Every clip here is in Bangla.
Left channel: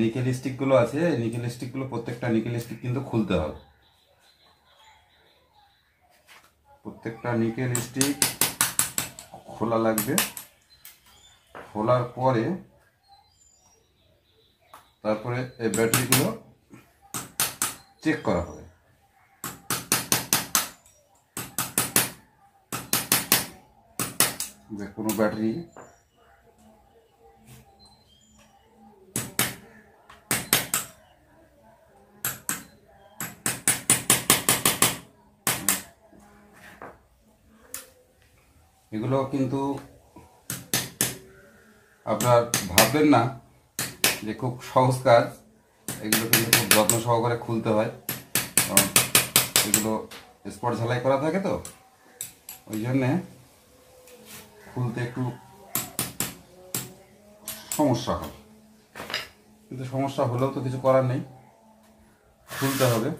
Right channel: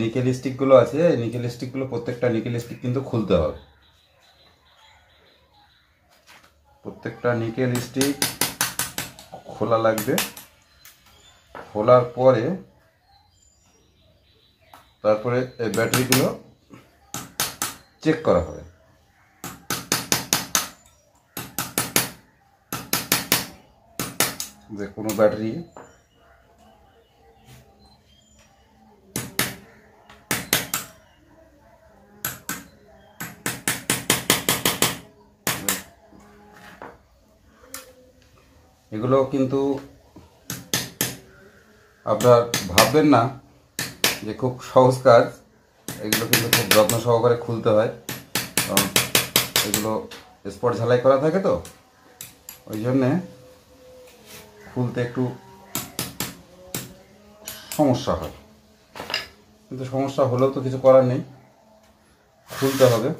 নিকেল স্টিকগুলো আছে, এই নিকেল স্টিকগুলো প্রত্যেকটা নিকেল স্টিক কিন্তু খুলতে হবে। প্রত্যেকটা নিকেল স্টিক খোলা লাগবে। খোলার পরে তারপরে এই ব্যাটারিগুলো চেক করা হবে। যে কোনো ব্যাটারি এগুলো কিন্তু আপনার ভাববেন না যে খুব সহজ কাজ, এগুলো কিন্তু খুব যত্ন সহকারে খুলতে হয়, কারণ এগুলো স্পট ঝালাই করা থাকে তো ওই জন্যে খুলতে একটু সমস্যা হয়। কিন্তু সমস্যা হলেও তো কিছু করার নেই, খুলতে হবে।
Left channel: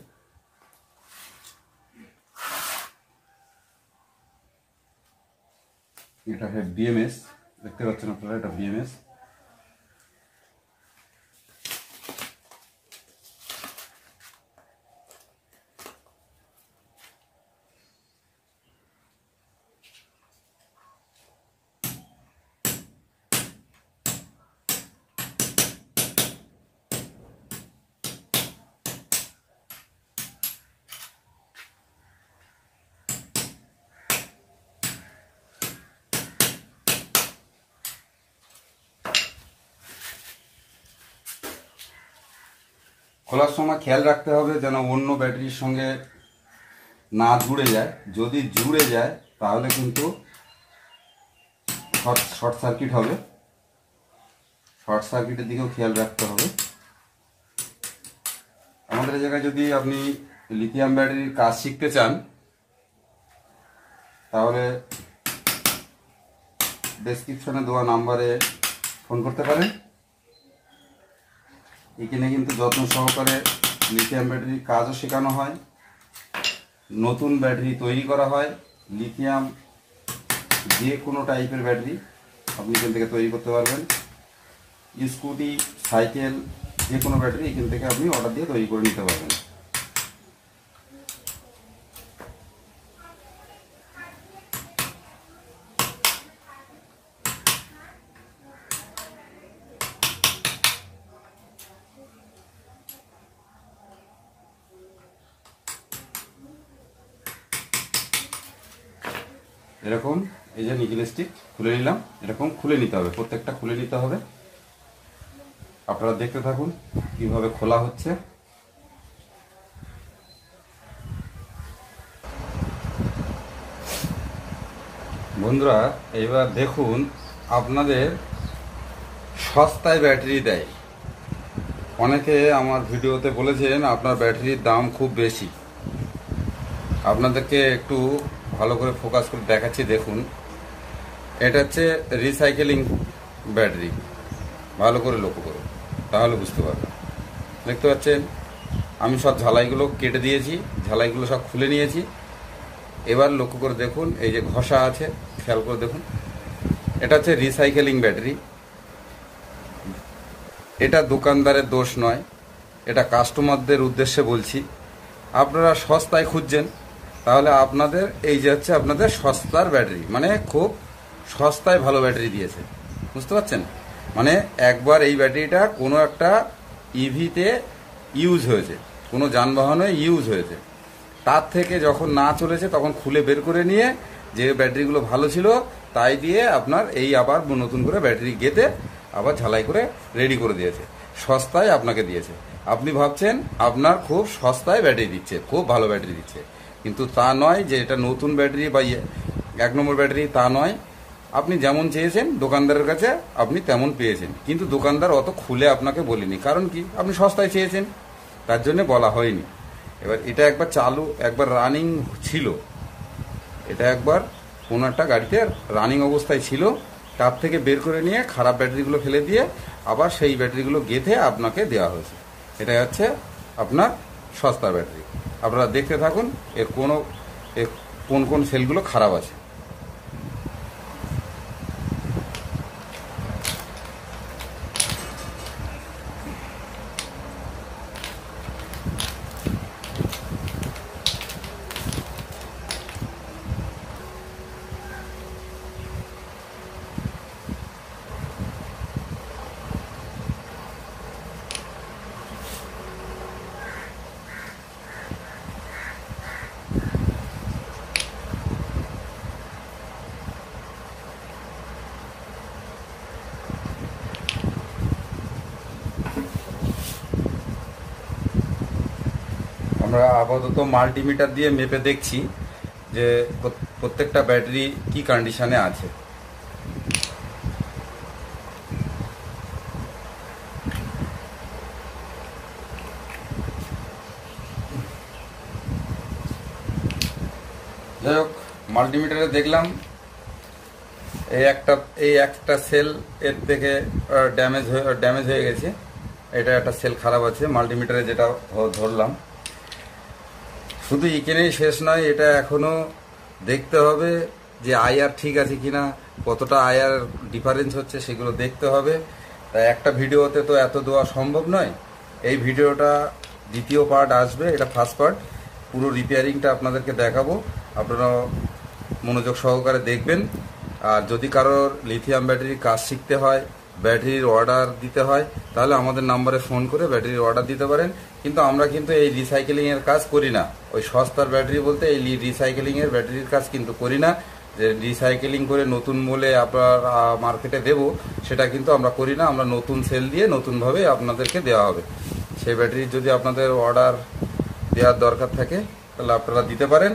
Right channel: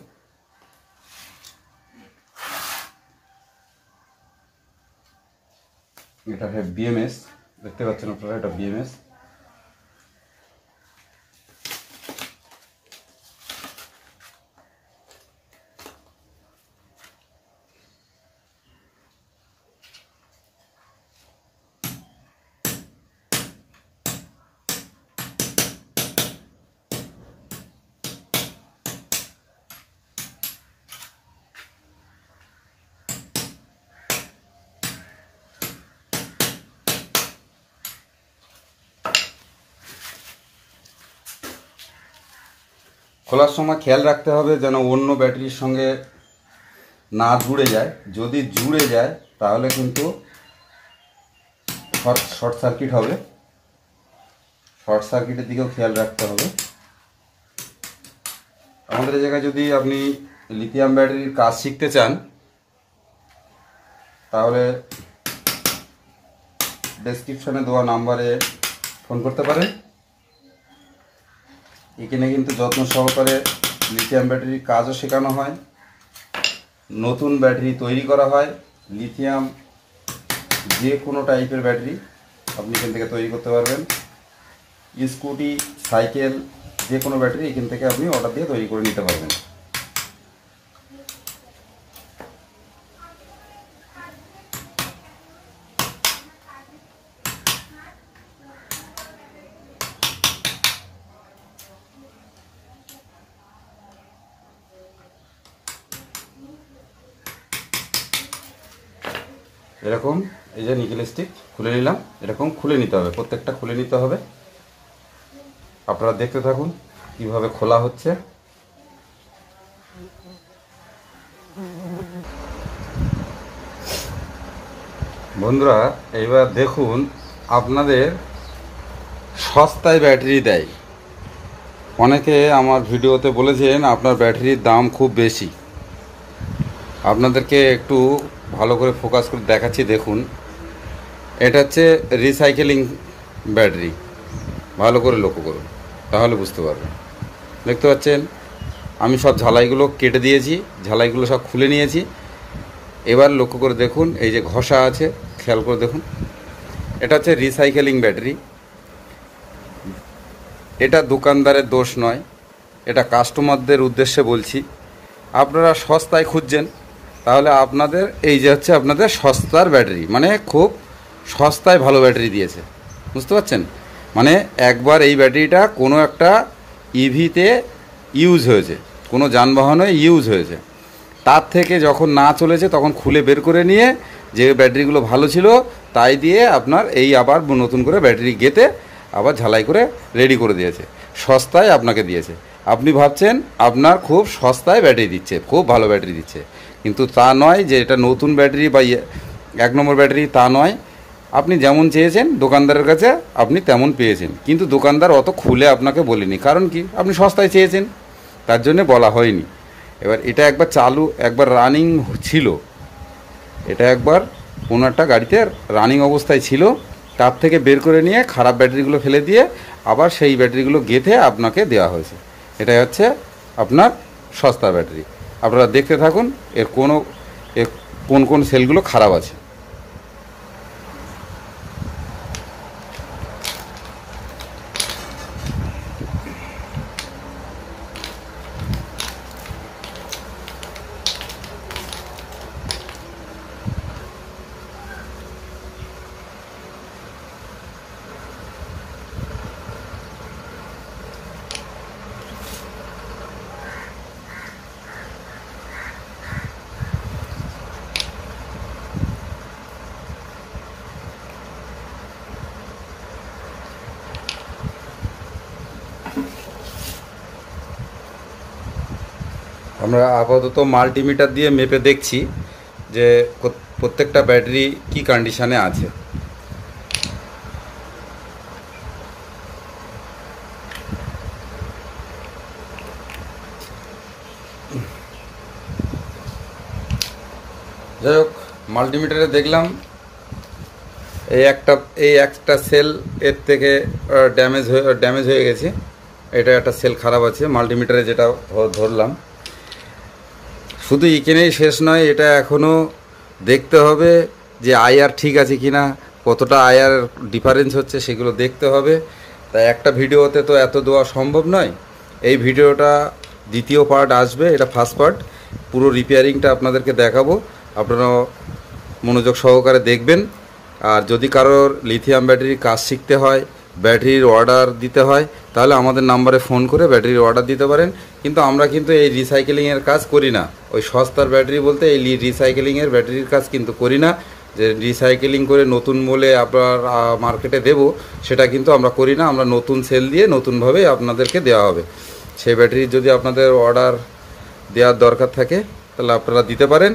এটা হ্যাঁ বিএমএস, দেখতে পাচ্ছেন আপনারা, এটা বিএমএস। খোলার সময় খেয়াল রাখতে হবে যেন অন্য ব্যাটারির সঙ্গে না জুড়ে যায়। যদি জুড়ে যায় তাহলে কিন্তু শর্ট সার্কিট হবে। শর্ট সার্কিটের দিকেও খেয়াল রাখতে হবে। আমাদের এই জায়গায় যদি আপনি লিথিয়াম ব্যাটারির কাজ শিখতে চান তাহলে ডেসক্রিপশনে দেওয়া নাম্বারে ফোন করতে পারেন। এখানে কিন্তু যত্ন সহকারে লিথিয়াম ব্যাটারির কাজও শেখানো হয়, নতুন ব্যাটারি তৈরি করা হয়। লিথিয়াম যে কোনো টাইপের ব্যাটারি আপনি এখান থেকে তৈরি করতে পারবেন। স্কুটি, সাইকেল, যে কোনো ব্যাটারি এখান থেকে আপনি অর্ডার দিয়ে তৈরি করে নিতে পারবেন। এরকম এই যে নিকেল স্টিক খুলে নিলাম, এরকম খুলে নিতে হবে, প্রত্যেকটা খুলে নিতে হবে। আপনারা দেখতে থাকুন কিভাবে খোলা হচ্ছে। বন্ধুরা এবার দেখুন, আপনাদের সস্তায় ব্যাটারি দেয়। অনেকে আমার ভিডিওতে বলেছেন আপনার ব্যাটারির দাম খুব বেশি। আপনাদেরকে একটু ভালো করে ফোকাস করে দেখাচ্ছি, দেখুন। এটা হচ্ছে রিসাইকেলিং ব্যাটারি, ভালো করে লক্ষ্য করুন তাহলে বুঝতে পারবেন। দেখতে পাচ্ছেন আমি সব ঝালাইগুলো কেটে দিয়েছি, ঝালাইগুলো সব খুলে নিয়েছি। এবার লক্ষ্য করে দেখুন এই যে ঘষা আছে, খেয়াল করে দেখুন। এটা হচ্ছে রিসাইকেলিং ব্যাটারি। এটা দোকানদারের দোষ নয়, এটা কাস্টমারদের উদ্দেশ্যে বলছি। আপনারা সস্তায় খুঁজছেন, তাহলে আপনাদের এই যে হচ্ছে আপনাদের সস্তার ব্যাটারি, মানে খুব সস্তায় ভালো ব্যাটারি দিয়েছে, বুঝতে পারছেন। মানে একবার এই ব্যাটারিটা কোনো একটা ইভিতে ইউজ হয়েছে, কোনো যানবাহনে ইউজ হয়েছে, তার থেকে যখন না চলেছে তখন খুলে বের করে নিয়ে যে ব্যাটারিগুলো ভালো ছিল তাই দিয়ে আপনার এই আবার নতুন করে ব্যাটারি গেঁথে আবার ঝালাই করে রেডি করে দিয়েছে, সস্তায় আপনাকে দিয়েছে। আপনি ভাবছেন আপনার খুব সস্তায় ব্যাটারি দিচ্ছে, খুব ভালো ব্যাটারি দিচ্ছে, কিন্তু তা নয় যে এটা নতুন ব্যাটারি বা 1 নম্বর ব্যাটারি, তা নয়। আপনি যেমন চেয়েছেন দোকানদারের কাছে আপনি তেমন পেয়েছেন, কিন্তু দোকানদার অত খুলে আপনাকে বলেনি। কারণ কি, আপনি সস্তায় চেয়েছেন, তার জন্য বলা হয়নি। এবার এটা একবার চালু, একবার রানিং ছিল, এটা একবার কোনো একটা গাড়িতে রানিং অবস্থায় ছিল, তার থেকে বের করে নিয়ে খারাপ ব্যাটারিগুলো ফেলে দিয়ে আবার সেই ব্যাটারিগুলো গেঁথে আপনাকে দেওয়া হয়েছে। এটাই হচ্ছে আপনার সস্তা ব্যাটারি। আপনারা দেখতে থাকুন এর কোন কোন সেলগুলো খারাপ আছে। আমরা আপাতত মাল্টিমিটার দিয়ে মেপে দেখছি যে প্রত্যেকটা ব্যাটারি কি কন্ডিশনে আছে। যাই হোক, মাল্টিমিটারে দেখলাম এই একটা সেল এর থেকে ড্যামেজ হয়ে গেছে। এটা একটা সেল খারাপ আছে মাল্টিমিটারে, যেটা ধরলাম। শুধু এখানেই শেষ নয়, এটা এখনও দেখতে হবে যে আইআর ঠিক আছে কিনা, কতটা আইআর ডিফারেন্স হচ্ছে সেগুলো দেখতে হবে। তাই একটা ভিডিওতে তো এত দেওয়া সম্ভব নয়। এই ভিডিওটা দ্বিতীয় পার্ট আসবে, এটা ফার্স্ট পার্ট। পুরো রিপেয়ারিংটা আপনাদেরকে দেখাবো, আপনারা মনোযোগ সহকারে দেখবেন। আর যদি কারোর লিথিয়াম ব্যাটারির কাজ শিখতে হয়, ব্যাটারির অর্ডার দিতে হয়, তাহলে আমাদের নাম্বারে ফোন করে ব্যাটারির অর্ডার দিতে পারেন। কিন্তু আমরা কিন্তু এই রিসাইকেলিংয়ের কাজ করি না। ওই সস্তার ব্যাটারি বলতে এই রিসাইকেলিংয়ের ব্যাটারির কাজ কিন্তু করি না, যে রিসাইকেলিং করে নতুন মূল্যে আপনার মার্কেটে দেব, সেটা কিন্তু আমরা করি না। আমরা নতুন সেল দিয়ে নতুনভাবে আপনাদেরকে দেওয়া হবে। সেই ব্যাটারির যদি আপনাদের অর্ডার দেওয়ার দরকার থাকে তাহলে আপনারা দিতে পারেন।